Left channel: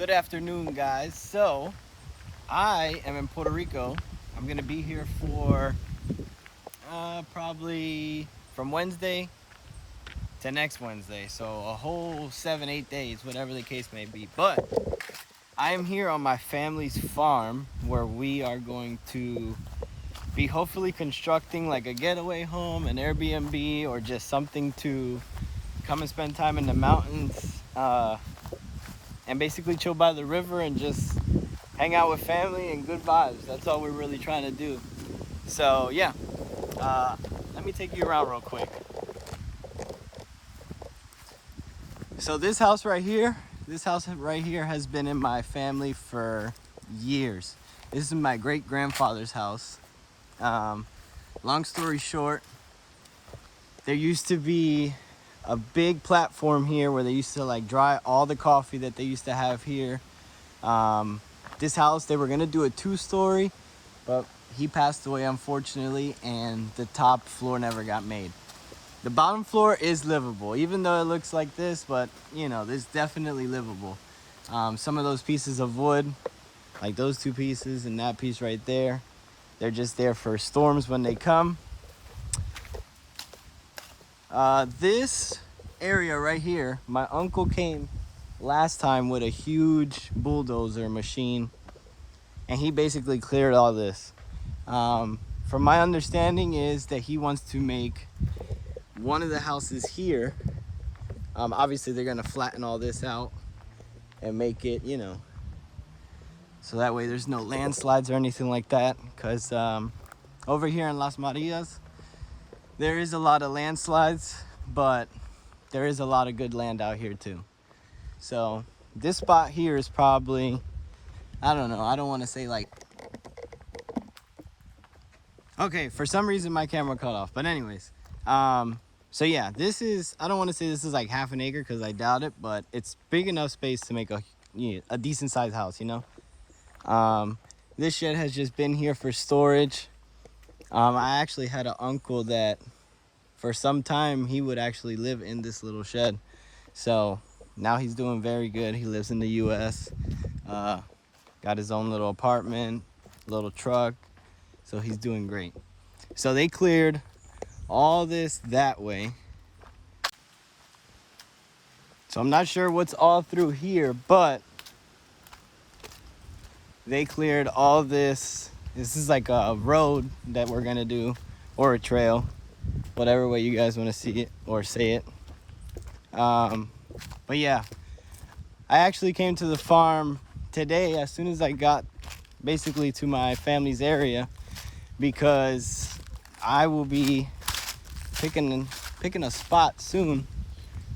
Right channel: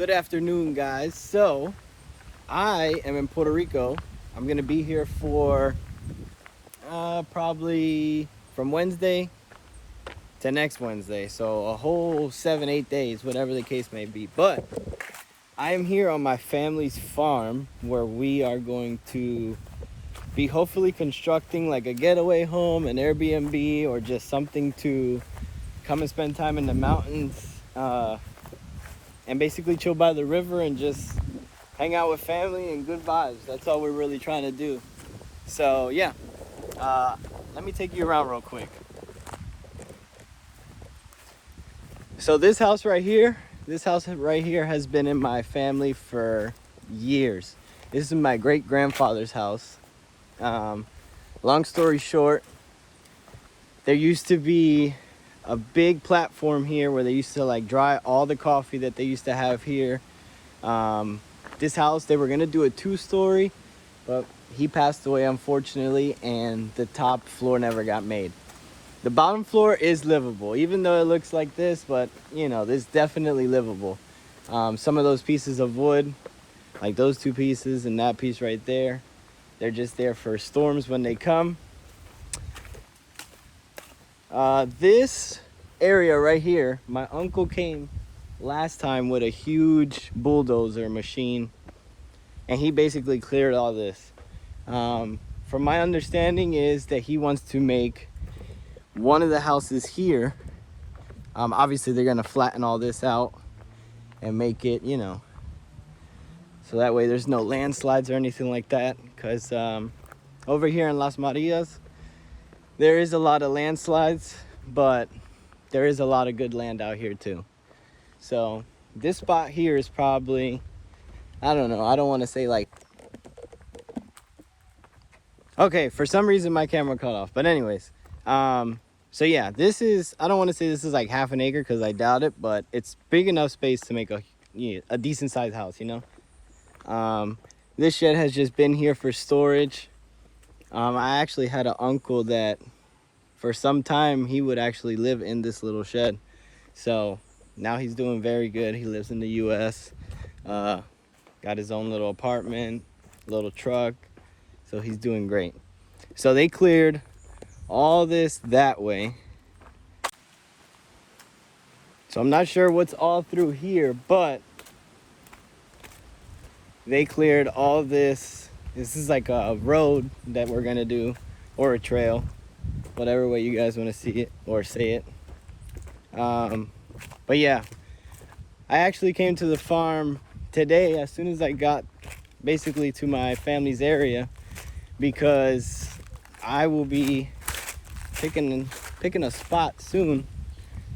Good afternoon, guys. So, I am in Puerto Rico. I'm gonna be here for probably from Wednesday to next Wednesday. So, a whole 7, 8 days, whatever the case may be. But I am here on my family's farm where we are going to be hopefully constructing like a getaway home, an Airbnb, or just something to come and spend time in the mountains. And basically chill by the river and just hang out with family and good vibes. That's all we're really trying to do. So yeah, let me take you around real quick. So this house right here has been in my family for years. This is my great grandfather's house. Long story short, there used to be a big platform here where they used to like dry all the coffee that they used to have here. This house, they were gonna do a 2-story, but he passed away unfortunately, and the top floor never got made. The bottom floor is livable, even though it looks like this, but you know, it's definitely livable. Some of those pieces of wood, like those 2 pieces and that piece right there, they're just there for storms when they come. This area right here, my uncle came last time with a huge bulldozer machine, and he basically cleared all this. From my understanding is that he wants to make one of the houses here. Obviously they're gonna flatten all this out and make it, you know, so that way there's no landslides or anything like that, because over here in Las Marias there is a lot of landslides, but there is a lot of good land out here too. So this spot here is probably, I don't know, I don't want to say like, okay, for some reason my camera cut off, but anyways, so yeah, this is, I don't want to say this is like half an acre because I doubt it, but it's big enough space to make a decent sized house, you know. This shed has just been here for storage. I actually had an uncle that for some time he would actually live in this little shed. So now he's doing very good. He lives in the US, got his own little apartment, little truck, so he's doing great. So they cleared all this that way. So I'm not sure what's all through here, but they cleared all this. This is like a road that we're gonna do, or a trail, whatever way you guys want to see it or say it. But yeah, I actually came to the farm today as soon as I got basically to my family's area, because I will be picking a spot soon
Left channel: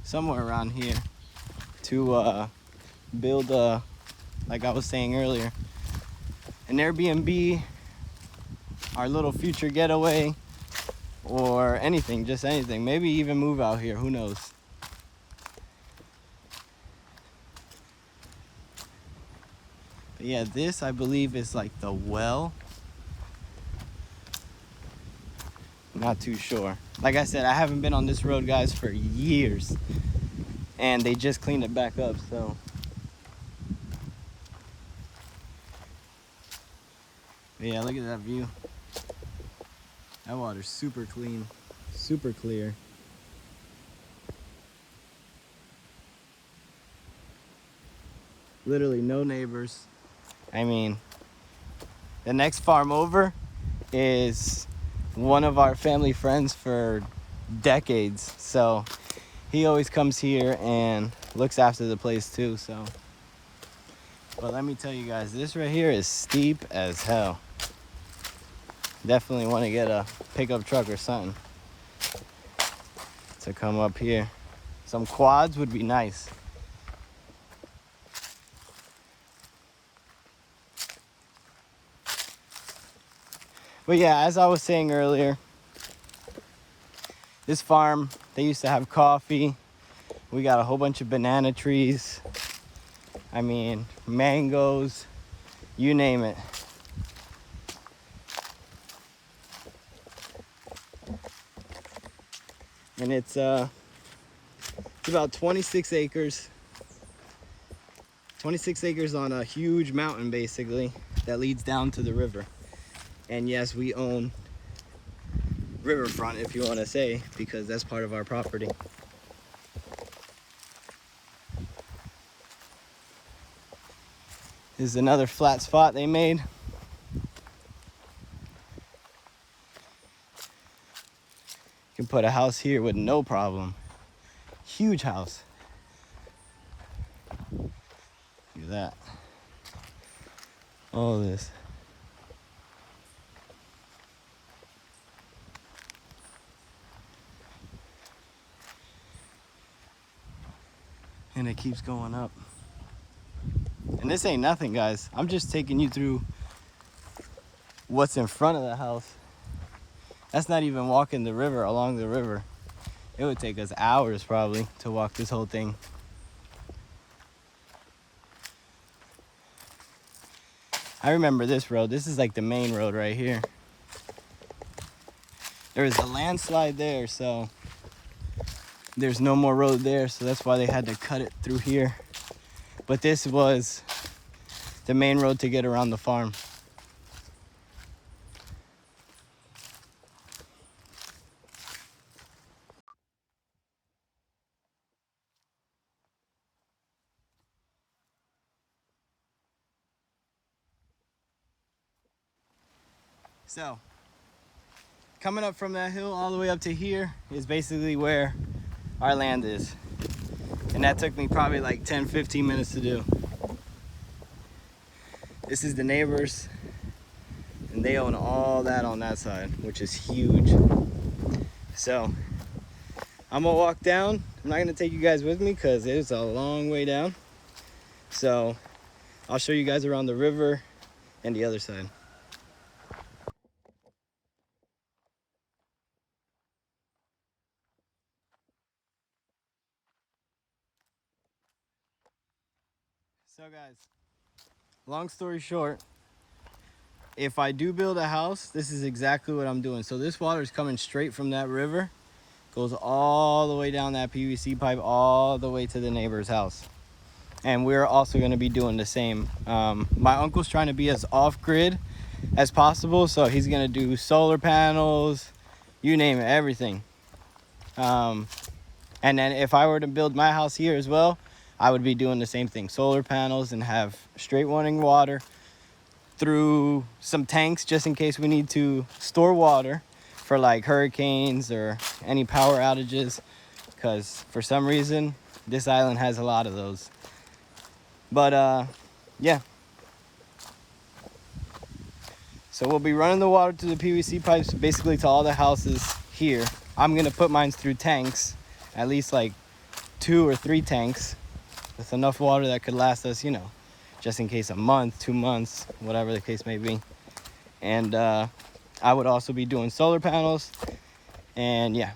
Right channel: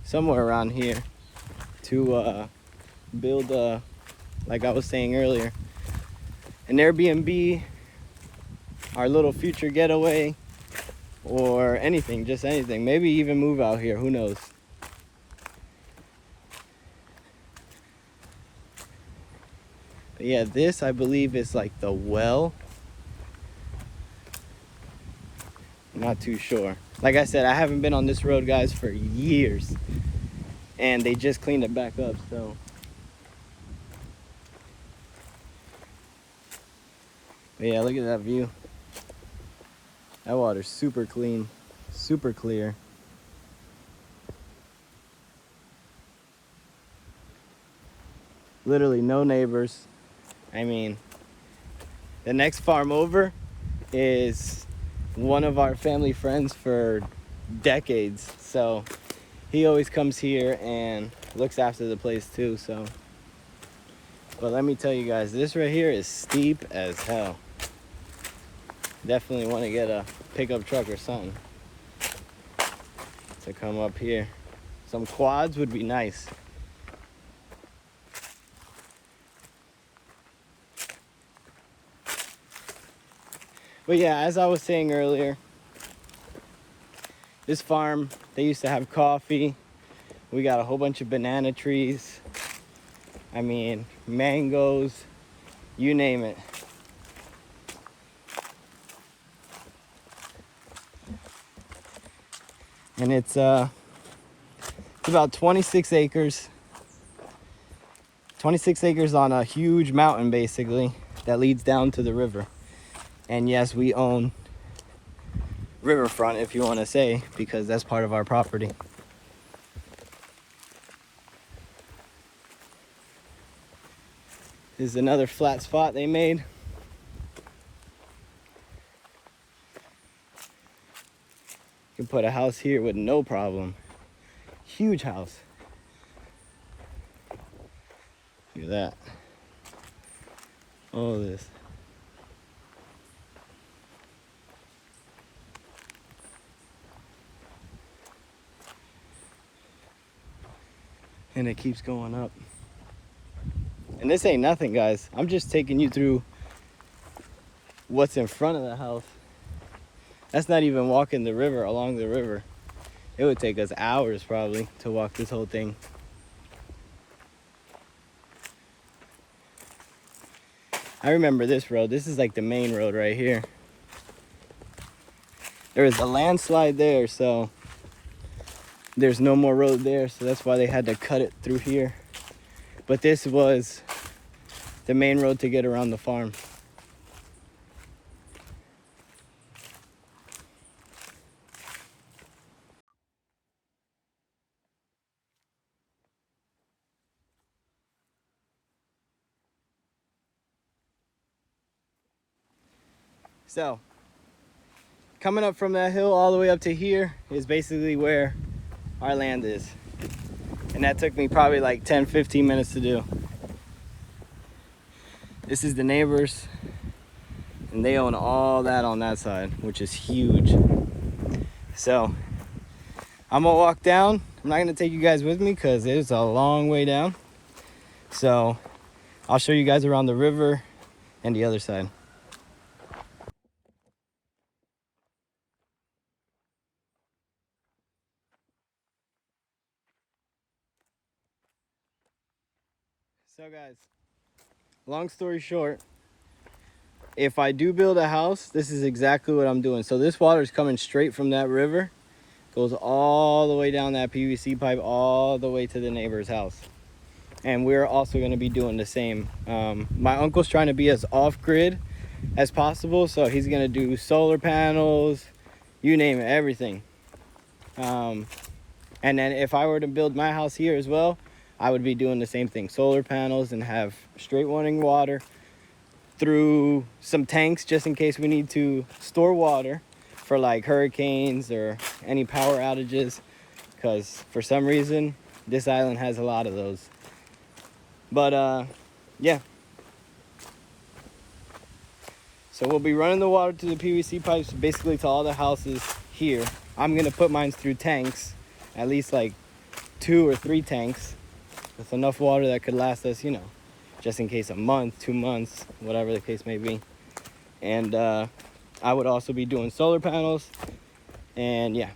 somewhere around here to build like I was saying earlier, an Airbnb, our little future getaway, or anything, just anything. Maybe even move out here, who knows. But yeah, this I believe is like the well. I'm not too sure. Like I said, I haven't been on this road, guys, for years, and they just cleaned it back up, so. But yeah, look at that view. That water's super clean, super clear. Literally no neighbors. I mean, the next farm over is one of our family friends for decades, so he always comes here and looks after the place too. So, but let me tell you guys, this right here is steep as hell. Definitely want to get a pickup truck or something to come up here. Some quads would be nice. But yeah, as I was saying earlier, this farm, they used to have coffee. We got a whole bunch of banana trees. I mean, mangoes, you name it. And it's about 26 acres. 26 acres on a huge mountain, basically, that leads down to the river. And yes, we own riverfront, if you want to say, because that's part of our property. This is another flat spot they made. You can put a house here with no problem. Huge house. Look at that. All this. And it keeps going up. And this ain't nothing, guys. I'm just taking you through what's in front of the house. That's not even walking the river, along the river. It would take us hours probably to walk this whole thing. I remember this road. This is like the main road right here. There was a landslide there, so there's no more road there, so that's why they had to cut it through here. But this was the main road to get around the farm. So, coming up from that hill all the way up to here is basically where our land is. And that took me probably like 10-15 minutes to do. This is the neighbors, and they own all that on that side, which is huge. So I'm gonna walk down. I'm not gonna take you guys with me because it's a long way down. So I'll show you guys around the river and the other side. So guys, long story short, if I do build a house, this is exactly what I'm doing. So this water is coming straight from that river, goes all the way down that PVC pipe, all the way to the neighbor's house. And we're also going to be doing the same. My uncle's trying to be as off-grid as possible, so he's going to do solar panels, you name it, everything. And then if I were to build my house here as well, I would be doing the same thing, solar panels, and have straight running water through some tanks just in case we need to store water for like hurricanes or any power outages, because for some reason this island has a lot of those. But yeah, so we'll be running the water to the PVC pipes, basically to all the houses here. I'm gonna put mine through tanks, at least like 2 or 3 tanks, with enough water that could last us, you know, just in case a month, 2 months, whatever the case may be. And I would also be doing solar panels, and yeah.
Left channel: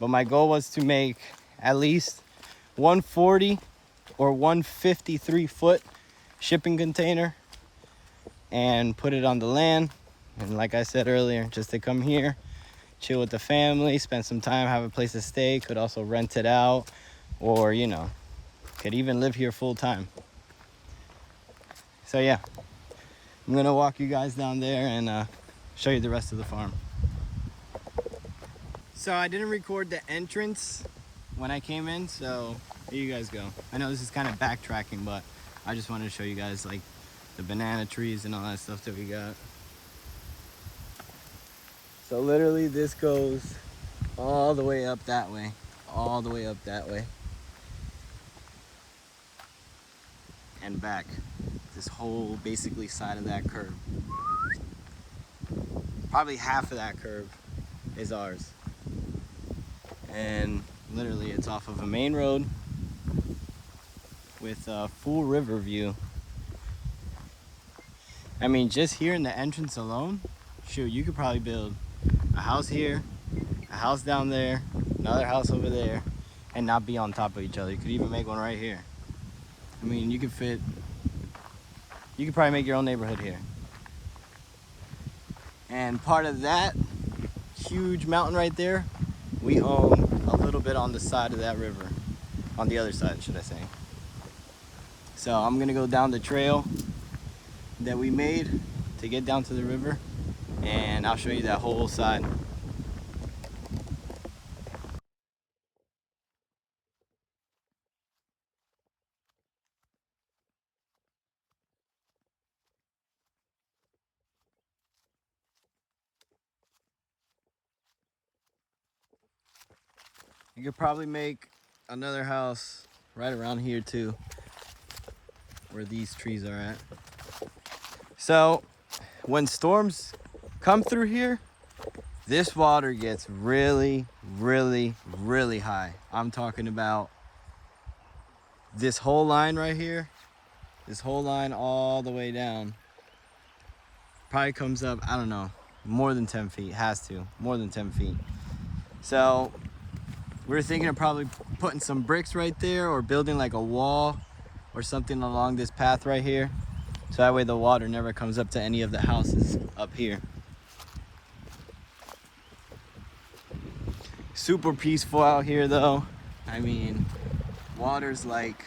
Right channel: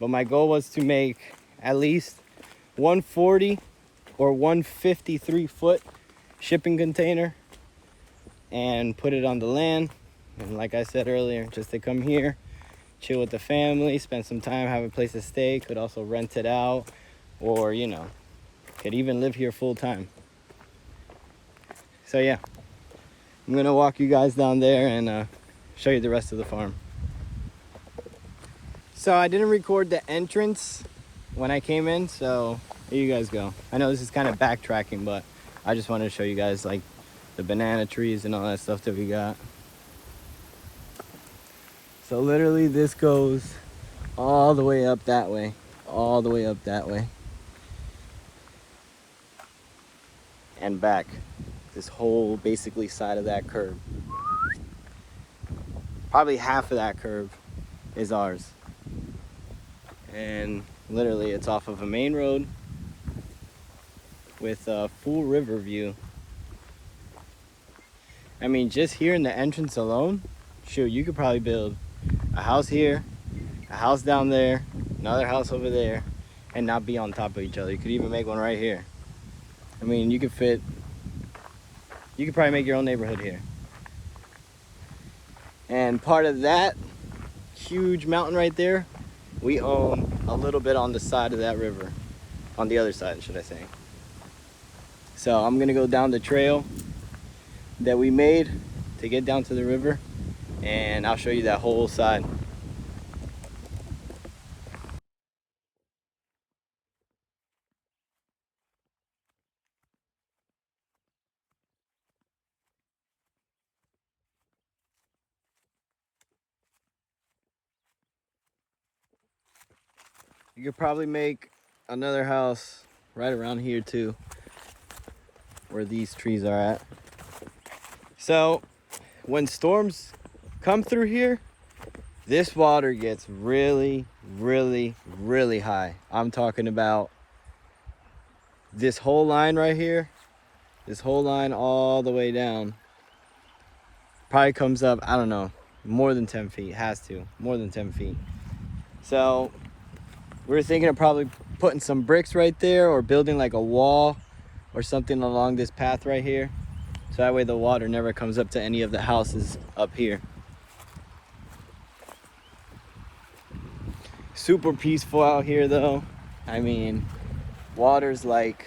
But my goal was to make at least 140 or 153 foot shipping container and put it on the land. And like I said earlier, just to come here, chill with the family, spend some time, have a place to stay. Could also rent it out, or you know, could even live here full time. So yeah, I'm gonna walk you guys down there and show you the rest of the farm. So I didn't record the entrance when I came in, so here you guys go. I know this is kind of backtracking, but I just wanted to show you guys like the banana trees and all that stuff that we got. So literally this goes all the way up that way, all the way up that way, and back. This whole basically side of that curve. Probably half of that curve is ours. And literally it's off of a main road with a full river view. I mean, just here in the entrance alone, shoot, you could probably build a house here, a house down there, another house over there, and not be on top of each other. You could even make one right here. I mean, you could probably make your own neighborhood here. And part of that huge mountain right there, we own a little bit on the side of that river. On the other side, should I say. So I'm gonna go down the trail that we made to get down to the river, and I'll show you that whole side. You could probably make another house right around here too, where these trees are at. So when storms come through here, this water gets really, really, really high. I'm talking about this whole line right here, this whole line all the way down. Probably comes up, I don't know, more than 10 feet, has to, more than 10 feet. So we were thinking of probably putting some bricks right there or building like a wall or something along this path right here. So that way the water never comes up to any of the houses up here. Super peaceful out here though. I mean, water's like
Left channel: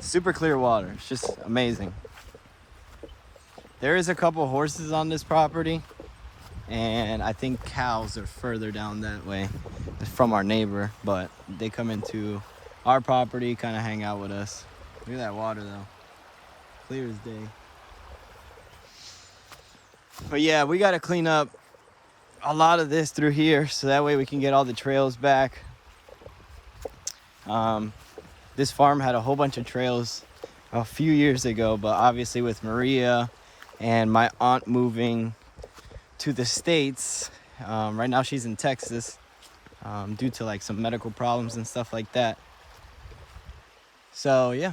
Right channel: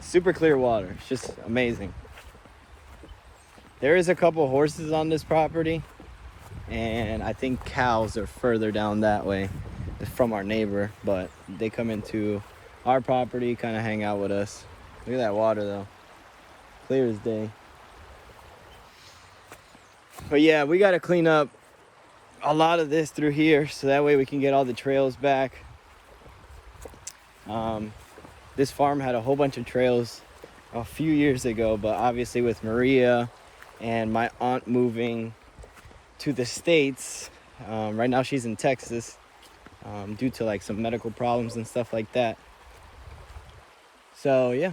super clear water. It's just amazing. There is a couple horses on this property, and I think cows are further down that way from our neighbor, but they come into our property, kind of hang out with us. Look at that water though, clear as day. But yeah, we got to clean up a lot of this through here so that way we can get all the trails back. This farm had a whole bunch of trails a few years ago, but obviously with Maria and my aunt moving to the States, right now she's in Texas, due to like some medical problems and stuff like that. So yeah.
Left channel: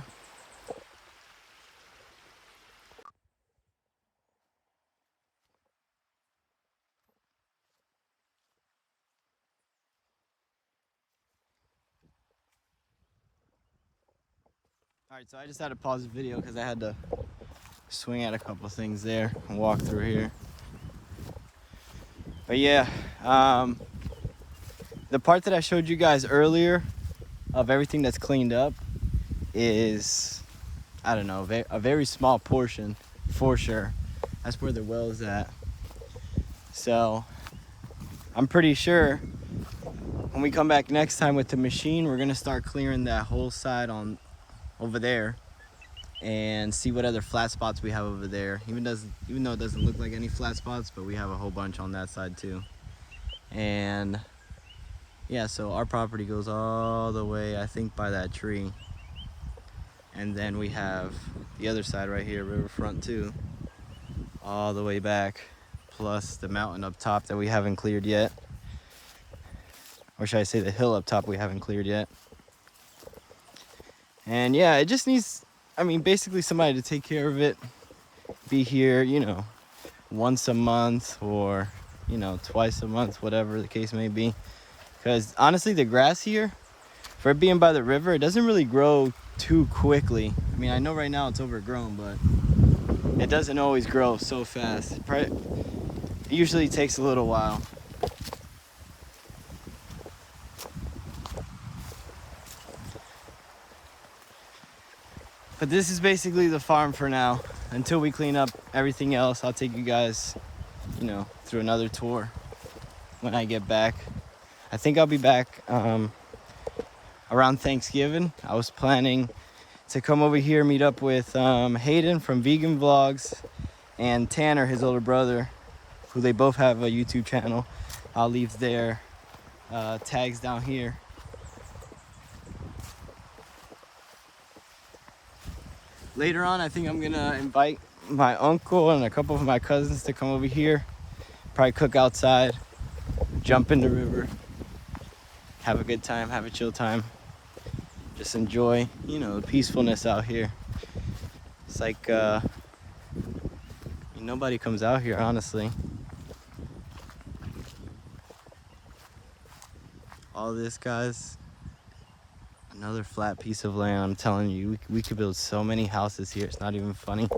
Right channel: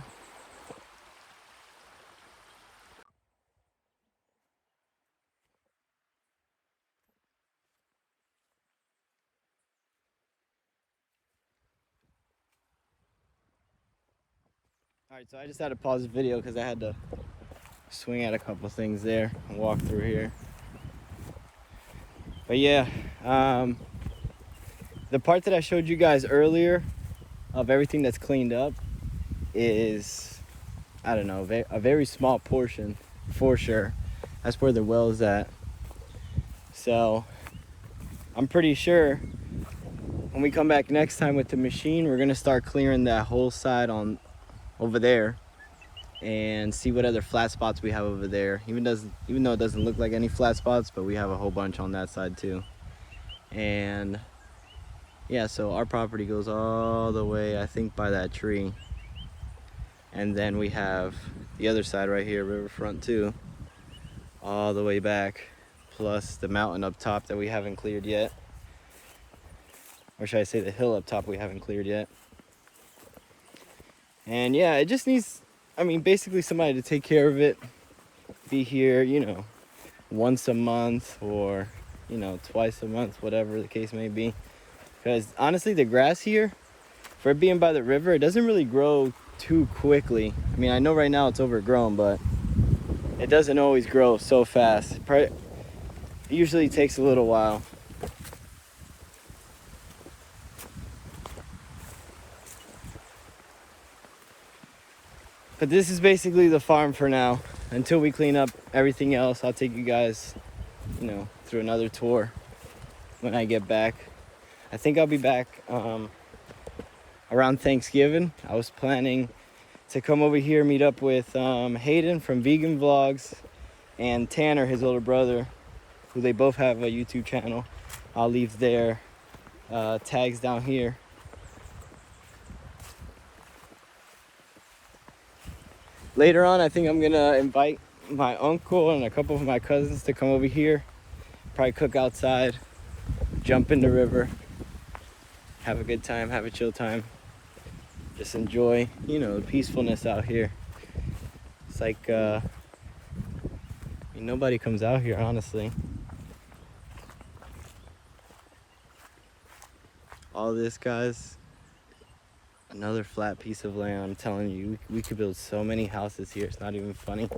All right, so I just had to pause the video because I had to swing at a couple things there and walk through here. But yeah, the part that I showed you guys earlier of everything that's cleaned up is, I don't know, a very small portion for sure. That's where the well is at. So I'm pretty sure when we come back next time with the machine, we're gonna start clearing that whole side on over there and see what other flat spots we have over there. Even though it doesn't look like any flat spots, but we have a whole bunch on that side too. And yeah, so our property goes all the way, I think, by that tree. And then we have the other side right here, riverfront too, all the way back, plus the mountain up top that we haven't cleared yet. Or should I say the hill up top we haven't cleared yet. And yeah, it just needs, I mean, basically somebody to take care of it. Be here, you know, once a month or, you know, twice a month, whatever the case may be. Because honestly, the grass here, for it being by the river, it doesn't really grow too quickly. I mean, I know right now it's overgrown, but it doesn't always grow so fast. It usually takes a little while. But this is basically the farm for now. Until we clean up everything else, I'll take you guys, you know, through another tour when I get back. I think I'll be back around Thanksgiving. I was planning to come over here, meet up with Hayden from Vegan Vlogs and Tanner, his older brother, who they both have a YouTube channel. I'll leave their tags down here. Later on, I think I'm gonna invite my uncle and a couple of my cousins to come over here. Probably cook outside, jump in the river, have a good time, have a chill time. Just enjoy, you know, the peacefulness out here. It's like, nobody comes out here, honestly. All this, guys, another flat piece of land. I'm telling you, we could build so many houses here. It's not even funny.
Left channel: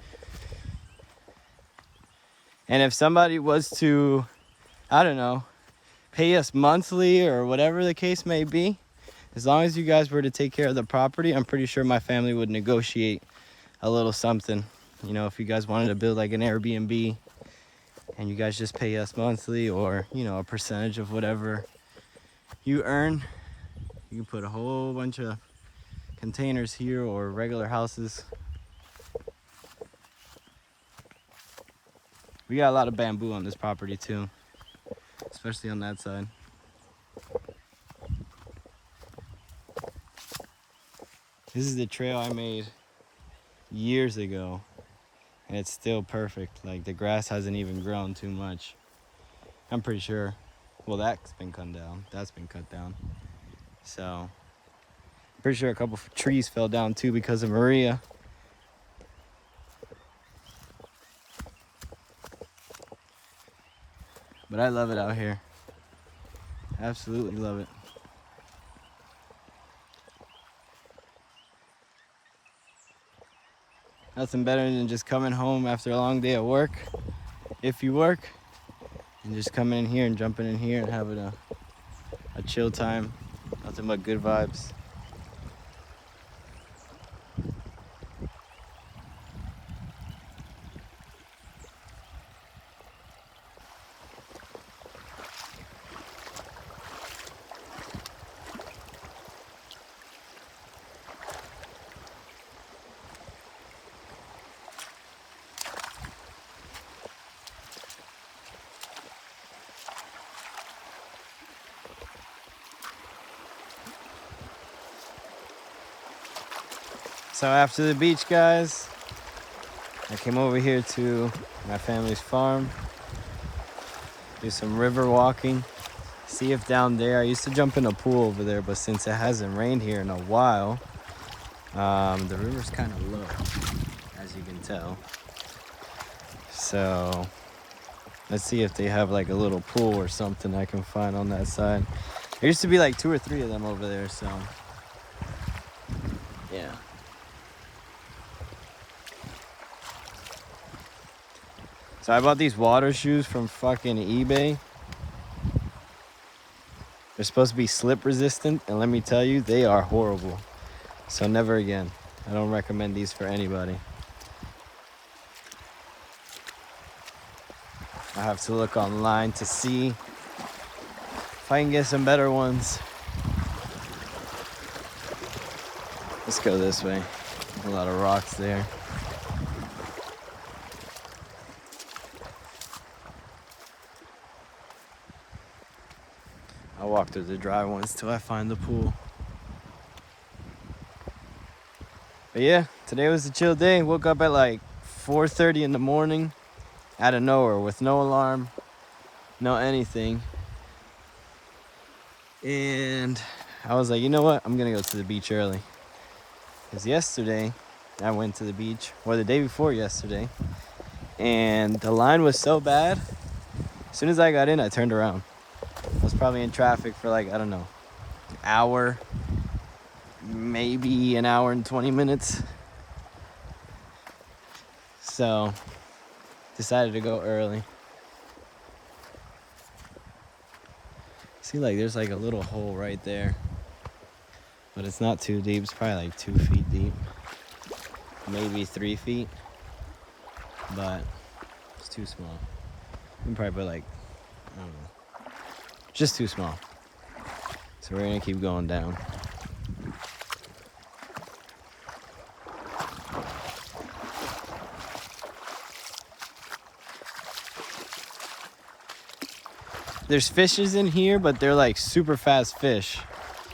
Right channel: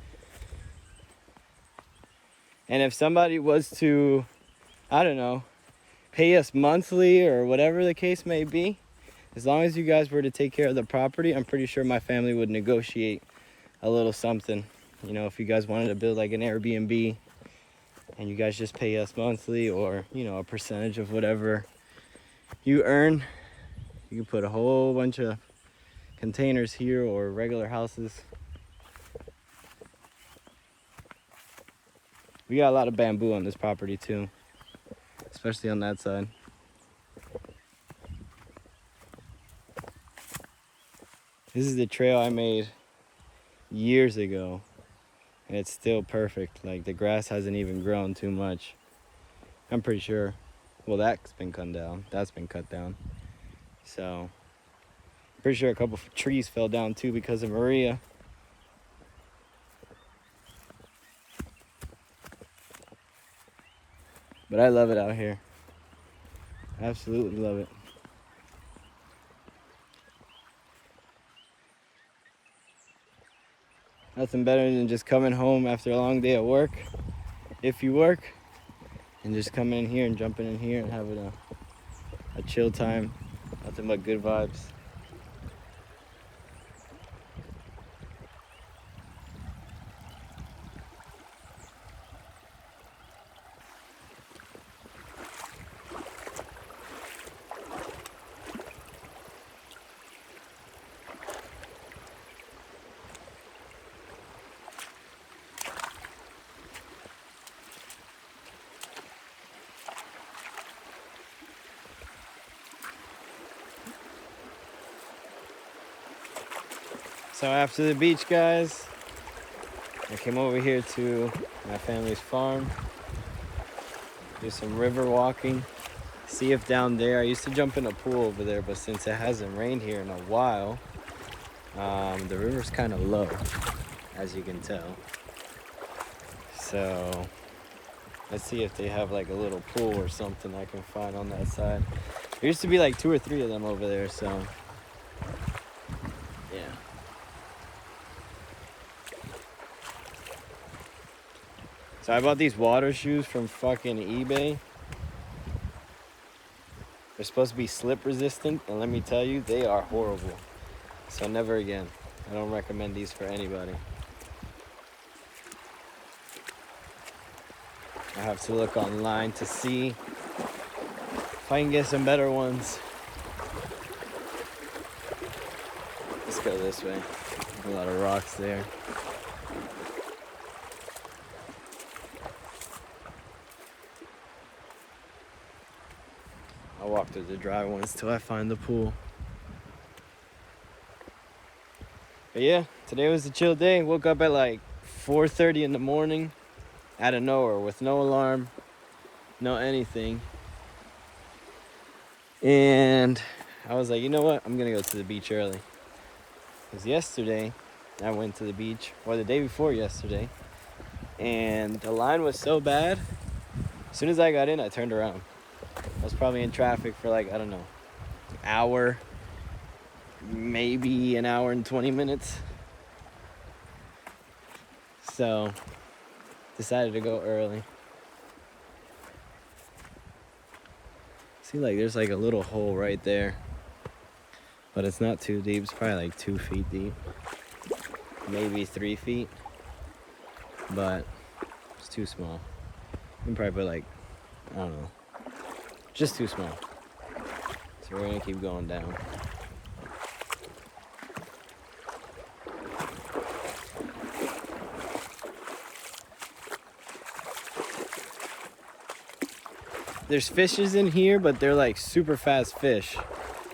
And if somebody was to, I don't know, pay us monthly or whatever the case may be, as long as you guys were to take care of the property, I'm pretty sure my family would negotiate a little something. You know, if you guys wanted to build like an Airbnb and you guys just pay us monthly, or, you know, a percentage of whatever you earn, you can put a whole bunch of containers here or regular houses. We got a lot of bamboo on this property too, especially on that side. This is the trail I made years ago, and it's still perfect. Like, the grass hasn't even grown too much. I'm pretty sure, well, that's been cut down. That's been cut down. So, I'm pretty sure a couple of trees fell down too because of Maria. But I love it out here. Absolutely love it. Nothing better than just coming home after a long day at work, if you work, and just coming in here and jumping in here and having a chill time. Nothing but good vibes. So after the beach, guys, I came over here to my family's farm, do some river walking, see if down there, I used to jump in a pool over there, but since it hasn't rained here in a while, the river's kind of low, as you can tell. So let's see if they have like a little pool or something I can find on that side. There used to be like 2 or 3 of them over there, so yeah. So I bought these water shoes from fucking eBay. They're supposed to be slip resistant, and let me tell you, they are horrible. So never again. I don't recommend these for anybody. I have to look online to see if I can get some better ones. Let's go this way. There's a lot of rocks there. I'll walk through the dry ones till I find the pool. But yeah, today was a chill day. Woke up at like 4:30 in the morning out of nowhere with no alarm, no anything. And I was like, you know what? I'm gonna go to the beach early. Because yesterday I went to the beach, or the day before yesterday, and the line was so bad. As soon as I got in, I turned around. I was probably in traffic for like, I don't know, an hour, maybe an hour and 20 minutes. So, decided to go early. See, like, there's like a little hole right there. But it's not too deep. It's probably like 2 feet deep. Maybe 3 feet. But it's too small. You can probably put like, I don't know. Just too small. So we're gonna keep going down. There's fishes in here, but they're like super fast fish.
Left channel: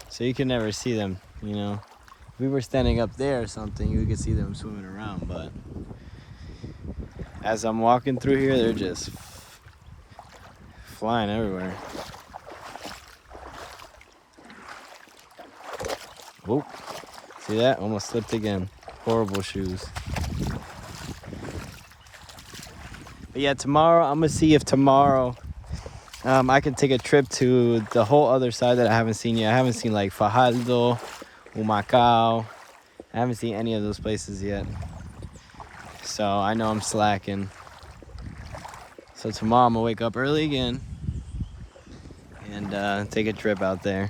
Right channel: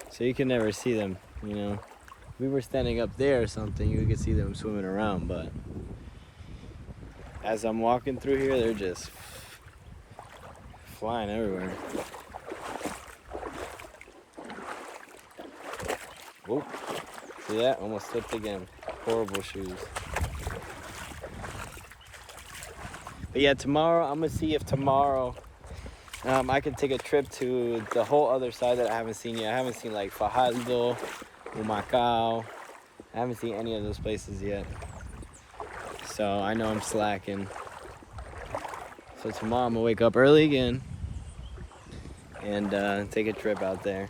So you can never see them, you know. If we were standing up there or something, you could see them swimming around, but as I'm walking through here, they're just flying everywhere. Whoop. See that? Almost slipped again. Horrible shoes. But yeah, tomorrow, I'm gonna see if tomorrow I can take a trip to the whole other side that I haven't seen yet. I haven't seen like Fajardo, Humacao. I haven't seen any of those places yet. So I know I'm slacking. So tomorrow I'm gonna wake up early again and take a trip out there.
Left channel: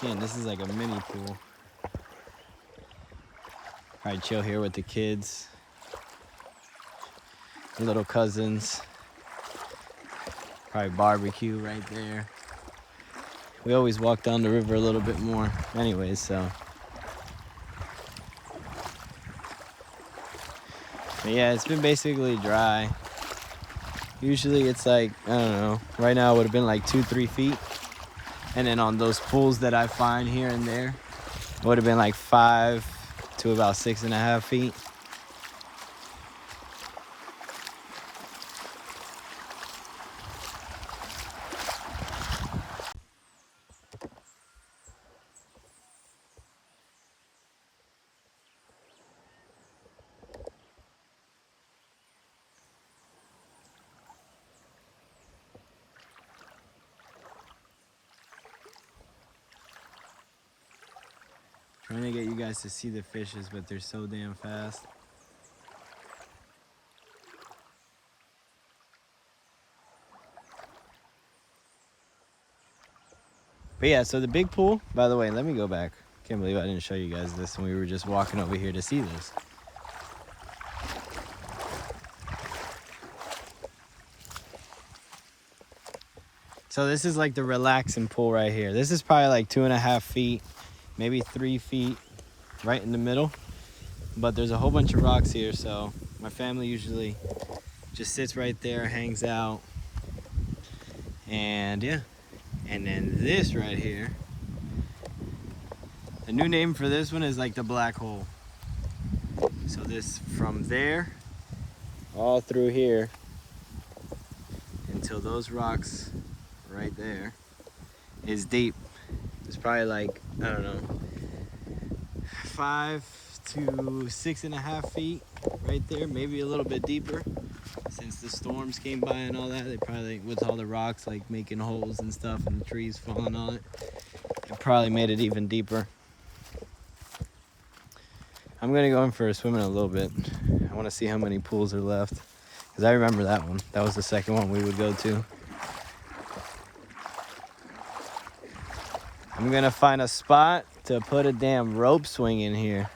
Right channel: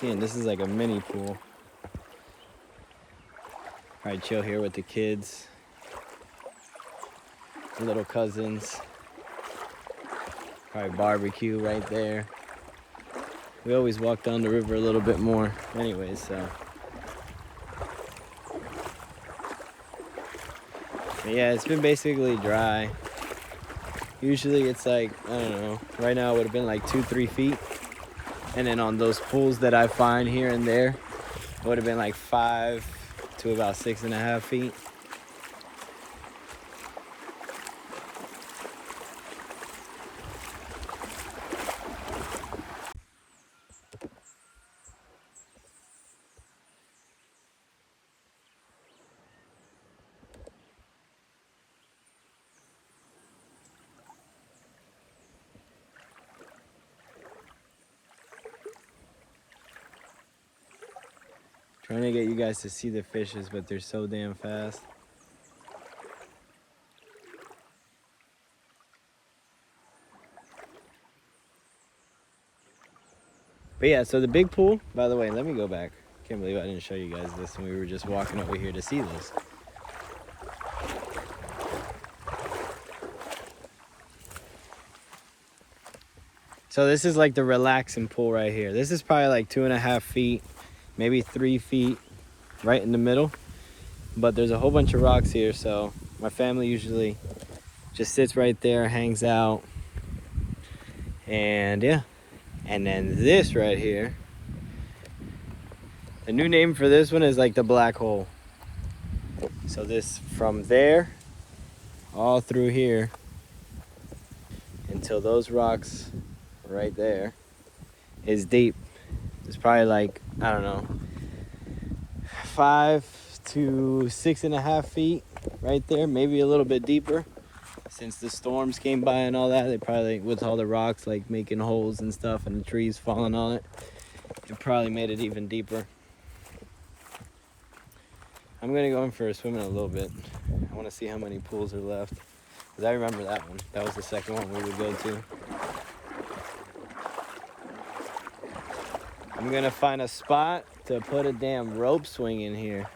seeing. This is like a mini pool. Probably chill here with the kids, little cousins. Probably barbecue right there. We always walk down the river a little bit more anyways, so. But yeah, it's been basically dry. Usually it's like, I don't know, right now it would have been like 2-3 feet. And then on those pools that I find here and there, it would have been like 5 to about 6.5 feet. Trying to get you guys to see the fishes, but they're so damn fast. But yeah, so the big pool, by the way, let me go back. Can't believe I didn't show you guys this when we were just walking over here to see this. So this is like the relaxing pool right here. This is probably like 2.5 feet, maybe 3 feet, right in the middle. But there's a whole bunch of rocks here, so my family usually just sits right there, hangs out, and yeah. And then this right here, the new name for this one is like the black hole. So this from there all through here until those rocks right there is deep. It's probably like, I don't know, 5 to 6.5 feet right there, maybe a little bit deeper. Since the storms came by and all that, they probably, with all the rocks like making holes and stuff and the trees falling on it, it probably made it even deeper. I'm gonna go in for a swim in a little bit. I want to see how many pools are left, because I remember that one. That was the second one we would go to. I'm gonna find a spot to put a damn rope swing in here.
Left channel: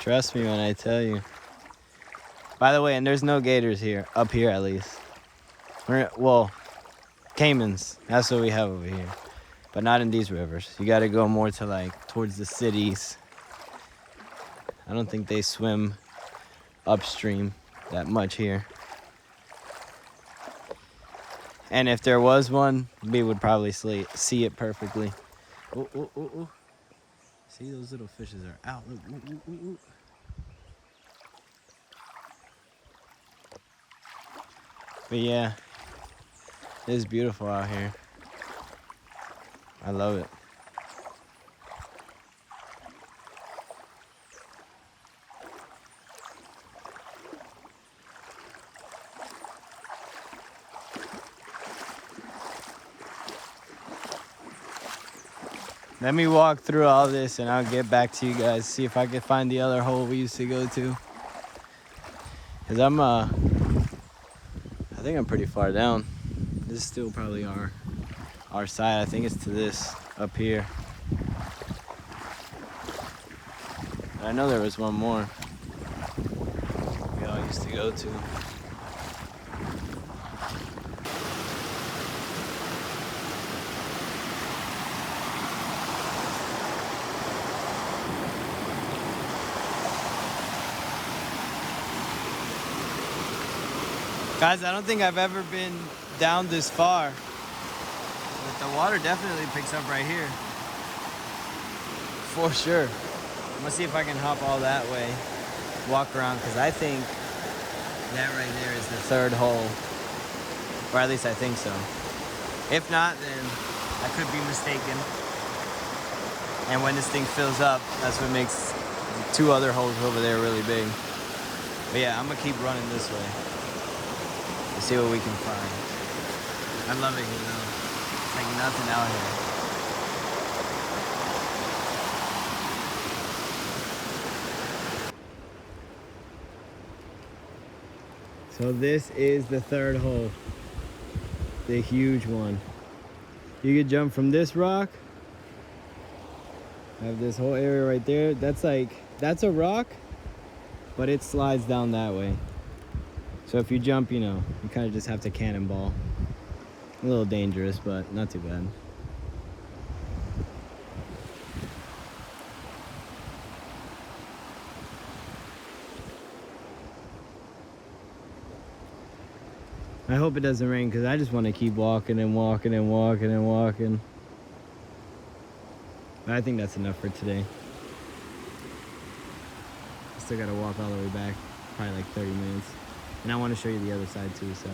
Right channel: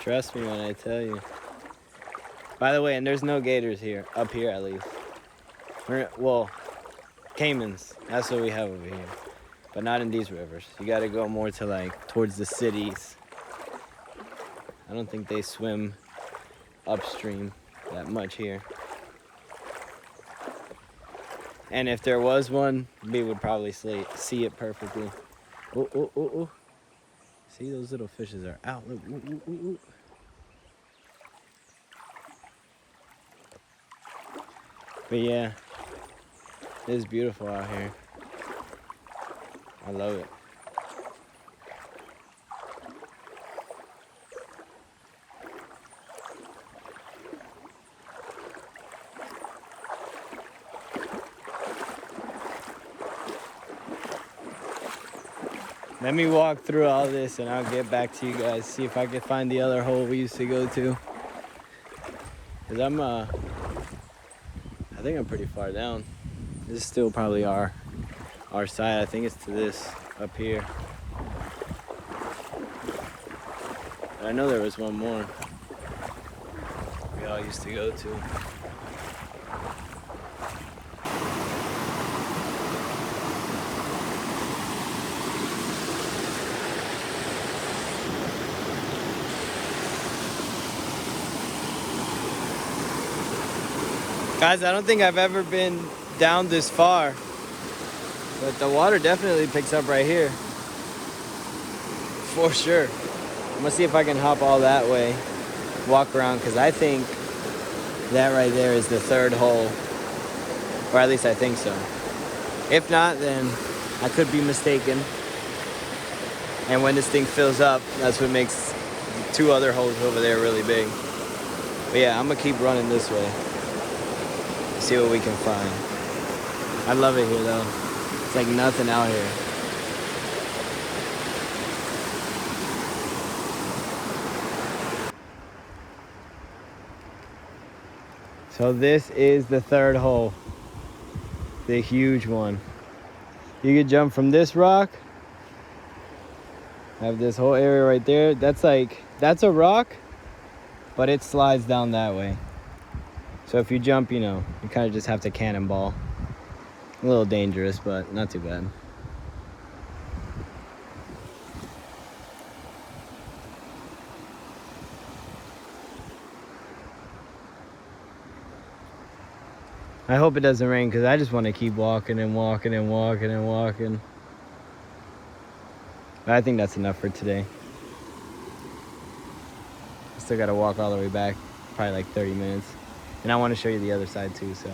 Trust me when I tell you. By the way, and there's no gators here, up here at least. Well, caimans, that's what we have over here. But not in these rivers. You gotta go more to like, towards the cities. I don't think they swim upstream that much here. And if there was one, we would probably see it perfectly. Oh, oh, oh, oh. See, those little fishes are out. Look, ooh, ooh, ooh, ooh. But yeah, it's beautiful out here. I love it. Let me walk through all this and I'll get back to you guys, see if I can find the other hole we used to go to. Cause I think I'm pretty far down. This is still probably our side. I think it's to this up here. But I know there was one more we all used to go to. Guys, I don't think I've ever been down this far, but the water definitely picks up right here. For sure. I'm gonna see if I can hop all that way, walk around, because I think that right there is the third hole, or at least I think so. If not, then I could be mistaken. And when this thing fills up, that's what makes the 2 other holes over there really big. But yeah, I'm gonna keep running this way. See what we can find. I love it here though. It's like nothing out here. So this is the third hole. The huge one. You could jump from this rock. I have this whole area right there. That's a rock, but it slides down that way. So if you jump, you know, you kind of just have to cannonball. A little dangerous, but not too bad. I hope it doesn't rain because I just want to keep walking and walking and walking and walking. But I think that's enough for today. Still got to walk all the way back, probably like 30 minutes. And I want to show you the other side too, so.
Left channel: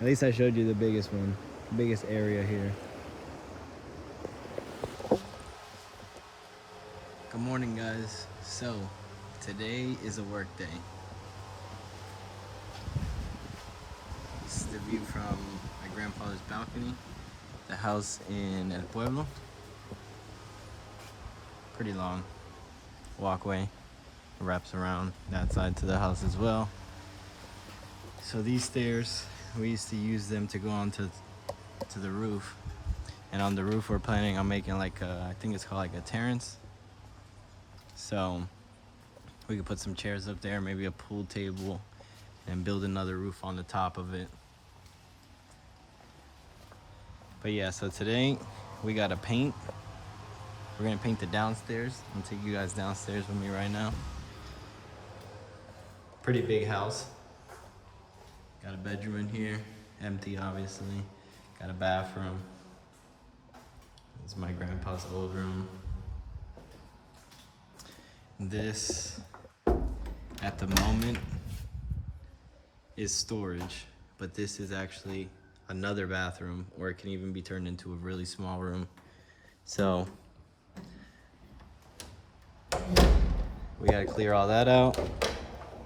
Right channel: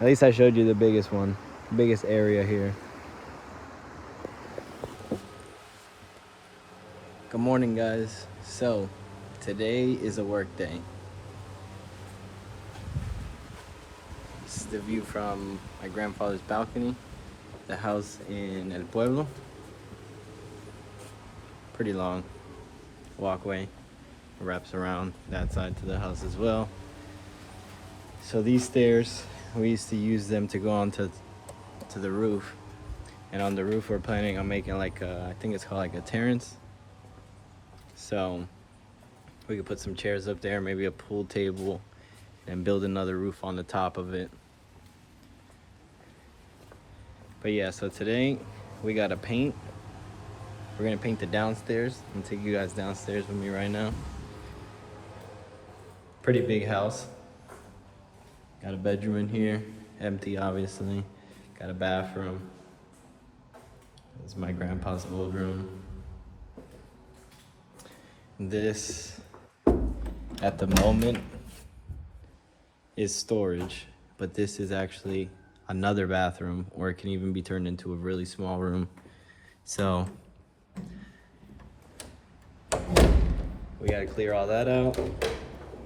At least I showed you the biggest one, biggest area here. Good morning, guys. So, today is a work day. This is the view from my grandfather's balcony, the house in El Pueblo. Pretty long walkway, wraps around that side to the house as well. So these stairs, we used to use them to go onto the roof. And on the roof, we're planning on making like I think it's called like a terrace. So we could put some chairs up there, maybe a pool table, and build another roof on the top of it. But yeah, so today we gotta paint. We're gonna paint the downstairs. I'm gonna take you guys downstairs with me right now. Pretty big house. Got a bedroom in here, empty obviously. Got a bathroom. This is my grandpa's old room. This, at the moment, is storage, but this is actually another bathroom, or it can even be turned into a really small room. So we gotta clear all that out.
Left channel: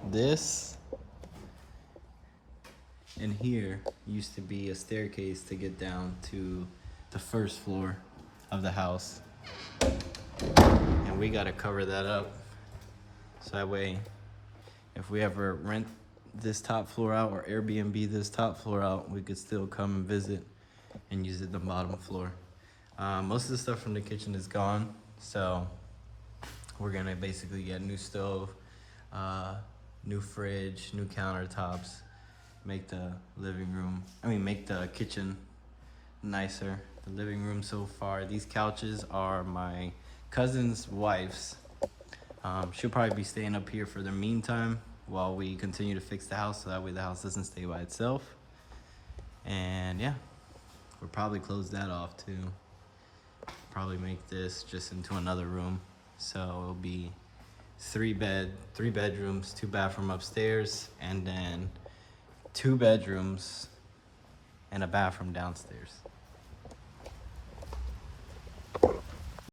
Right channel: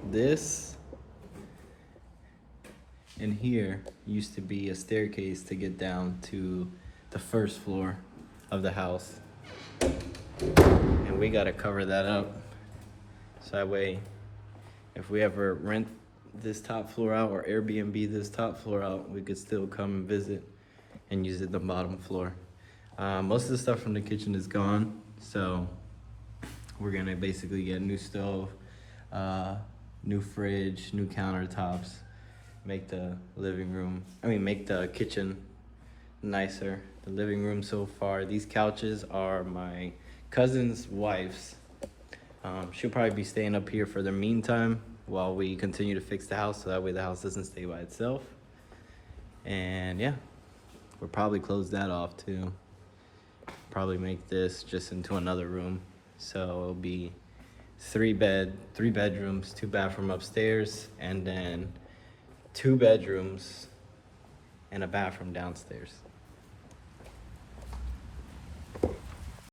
This and here used to be a staircase to get down to the first floor of the house. And we gotta cover that up. So that way, if we ever rent this top floor out or Airbnb this top floor out, we could still come and visit and use it the bottom floor. Most of the stuff from the kitchen is gone, so we're gonna basically get a new stove, new fridge, new countertops, make the make the kitchen nicer. The living room so far, these couches are my cousin's wife's. She'll probably be staying up here for the meantime while we continue to fix the house, so that way the house doesn't stay by itself. And yeah, we'll probably close that off too. Probably make this just into another room. So it'll be three bedrooms, 2 bathroom upstairs, and then 2 bedrooms and a bathroom downstairs.